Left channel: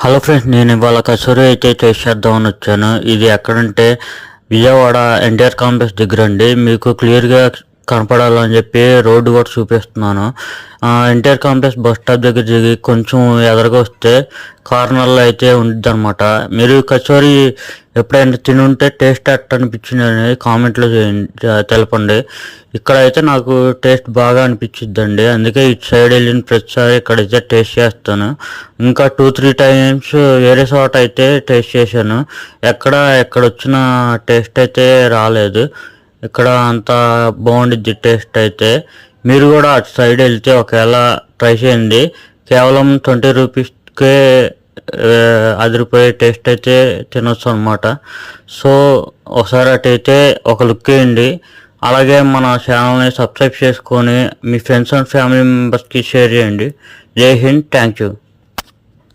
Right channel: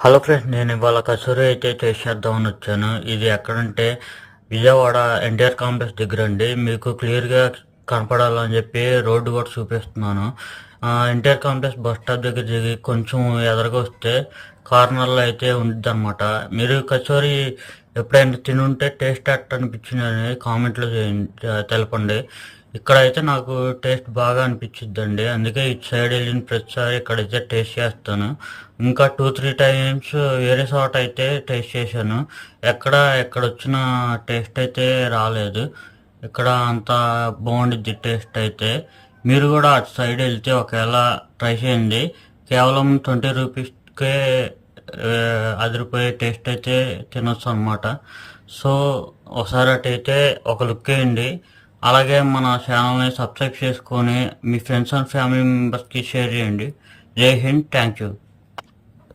Hello friends, నేను ఇవాళ కచోరీ అయితే చేసేద్దామని వచ్చాను. ఇది ఎక్కడంటే విజయవాడ ఎన్టీఆర్ కాంప్లెక్స్ దగ్గర అండి. మీకు క్లియర్గా కనపడాలని చెప్పి రోడ్డు కూడా చూపిస్తున్నాను. ఎన్టీఆర్ కాంప్లెక్స్ బస్ స్టాప్ దగ్గర దిగి కొంచెం ఎదురుగా వస్తే కార్నర్లో అయితే ఉంటుంది అనమాట. మీరు కచోరీ ఎప్పుడైనా తినుంటే టేస్ట్ ఎట్ట అనిపించింది అనేది కామెంట్లో తెలపండి. ఇక్కడైతే నాకు టేస్ట్ బాగా అనిపించిద్దండి, అందుకే ఇటు సైడ్ వెళ్ళిన ప్రతిసారి ఇక్కడైతే టేస్ట్ చేస్తాను. ఇంకా 2-3 టైమ్స్ వేరే చోట అయితే టేస్ట్ చేశాను. ఎక్కడ వచ్చిన టేస్ట్ అయితే రాలేదు. ఇక్కడ అంత బాగుండిద్ది టేస్ట్ అయితే. మీరు కూడా అటు సైడ్ వెళ్తే ఒకవేళ ట్రై చేయండి. కేవలం 20 రూపీస్కే అదిరిపోయే టేస్ట్ అయితే తినొచ్చు అనమాట. సో ఒకసారి అటైతే ఒక లుక్ వేయండి. అలాగే మన ఛానల్ని సబ్స్క్రైబ్ చేసుకొని మీ ఫ్రెండ్స్ అండ్ ఫ్యామిలీ మెంబర్స్కి షేర్ చేయండి. జై హింద్, థ్యాంక్ యూ.